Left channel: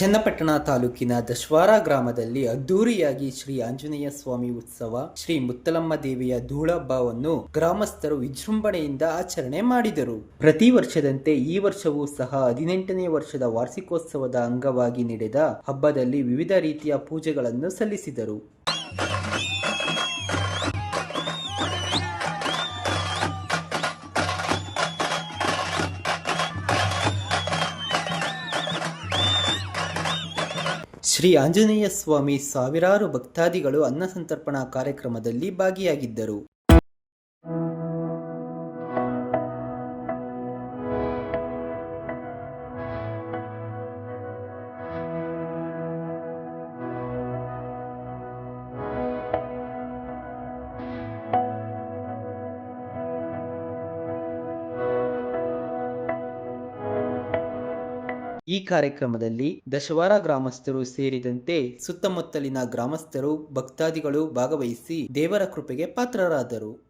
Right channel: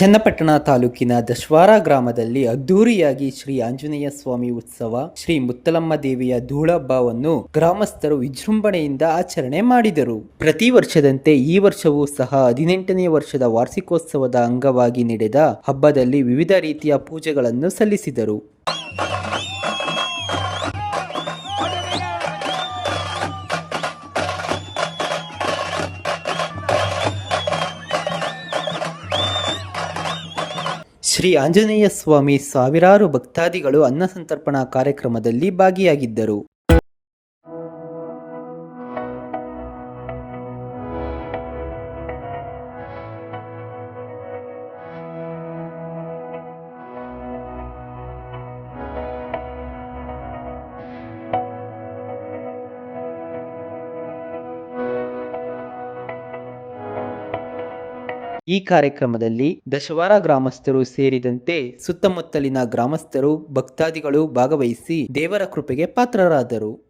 ಚನ್ನಪಟ್ಟಣ ತಾಲೂಕಿನ ದಶವಾರ ಗ್ರಾಮದಲ್ಲಿ ಅದ್ದೂರಿಯಾಗಿ ಶ್ರೀ ಆಂಜನೇಯ ಸ್ವಾಮಿ ಉತ್ಸವ, ಶ್ರೀ ಮುತ್ತಲಮ್ಮ ದೇವಿಯ ಧೂಳಹಬ್ಬವನ್ನು ಗ್ರಾಮಸ್ಥರು ವಿಜೃಂಭಣೆಯಿಂದ ಆಚರಣೆ ಮಾಡಿದರು. ಪ್ರತಿ ವರ್ಷದಂತೆ ಈ ವರ್ಷವೂ ಸಹ ಹದಿನೆಂಟನೇ ವರ್ಷದ ವಾರ್ಷಿಕೋತ್ಸವದ ಅಂಗವಾಗಿ ನಡೆದ ಹಬ್ಬದಲ್ಲಿ ವಿವಿಧ ರೀತಿಯ ಪೂಜೆಗಳನ್ನು ಸಲ್ಲಿಸಿದರು. ಶ್ರೀ ಆಂಜನೇಯ ಸ್ವಾಮಿ ಸಾವಿರಾರು ಭಕ್ತಾದಿಗಳು ಅನ್ನಸಂತರ್ಪಣಾ ಕಾರ್ಯಕ್ರಮದಲ್ಲಿ ಭಾಗಿಯಾಗಿದ್ದರು. ಈ ಕಾರ್ಯಕ್ರಮದಲ್ಲಿ ದಶವಾರ ಗ್ರಾಮಸ್ಥರು ಸೇರಿದಂತೆ ಸುತ್ತಮುತ್ತಲಿನ ಗ್ರಾಮಸ್ಥರು ಭಕ್ತಾದಿಗಳು ಭಾಗವಹಿಸಿ ದೇವರ ಕೃಪೆಗೆ ಪಾತ್ರರಾದರು.